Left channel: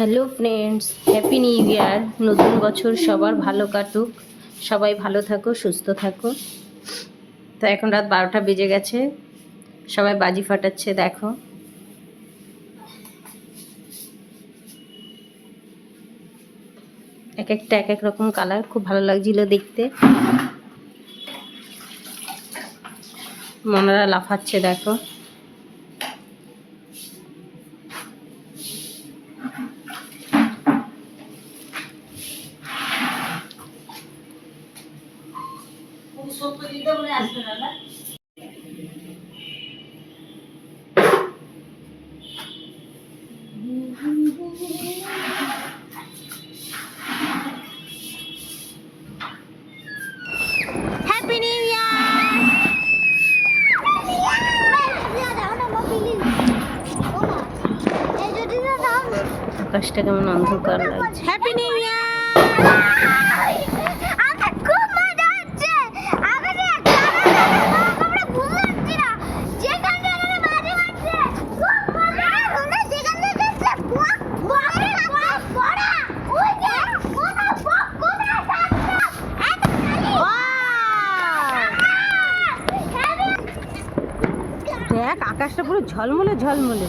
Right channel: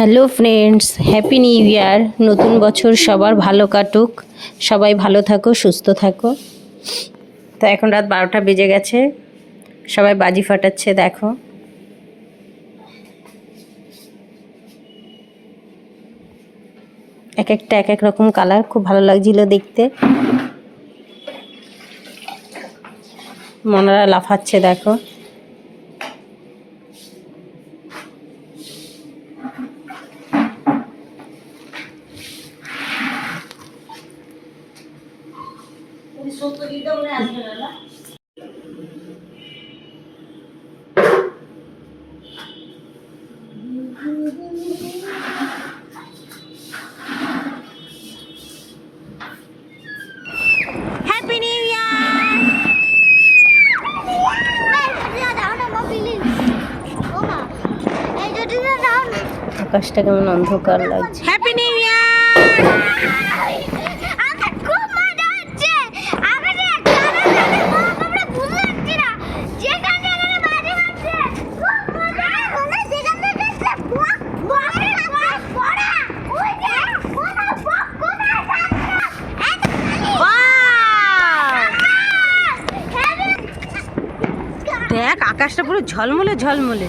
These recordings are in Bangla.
Hello friends, happy new year. নতুন বছর সবার ভালো কাটুক, সবাই ভালো থাকো, সুস্থ থাকো। তো এখন রাত 12টা বেজে গেছে, সবাই বাজি ফাটাচ্ছে দেখো। এক একটা এক এক রকম কালার, খুব ভালো লাগছিল দেখতে। মনারা লাফাচ্ছে দেখো। Happy new year. আকাশটা কেমন অন্ধকার লাগছে। Happy new year. দেখ আকাশটা পুরো ঝলমলে ঝলমলে।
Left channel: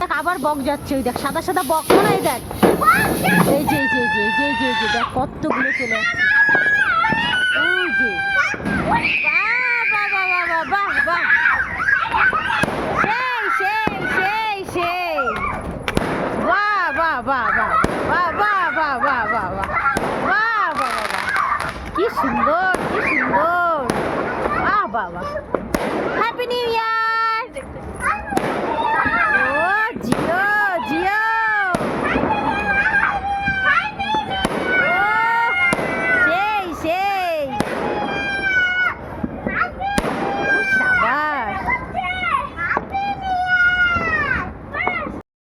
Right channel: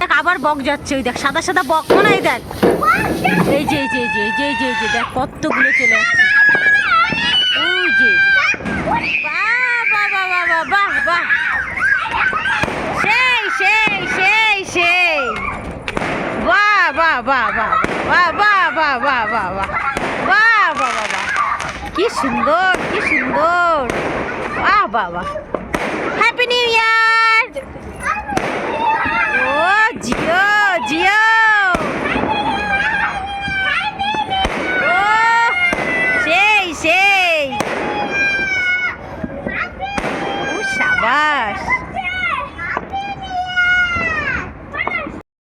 দেখ আবার বক যাচ্ছে, ওই দেখ সাদা সাদা বক মনে হয়। দেখ এই যে এই যে এই যে এই যে এই যে এই যে দেখ কতগুলো চলে যাচ্ছে। ওই যে বাহ বাহ বাহ বাহ বাহ বাহ, সেই সেই সেই সেই, বাহ বাহ বাহ বাহ বাহ বাহ বাহ বাহ বাহ বাহ বাহ বাহ বাহ বাহ, কি সুন্দর কি সুন্দর, বাহ বাহ বাহ। Happy new year.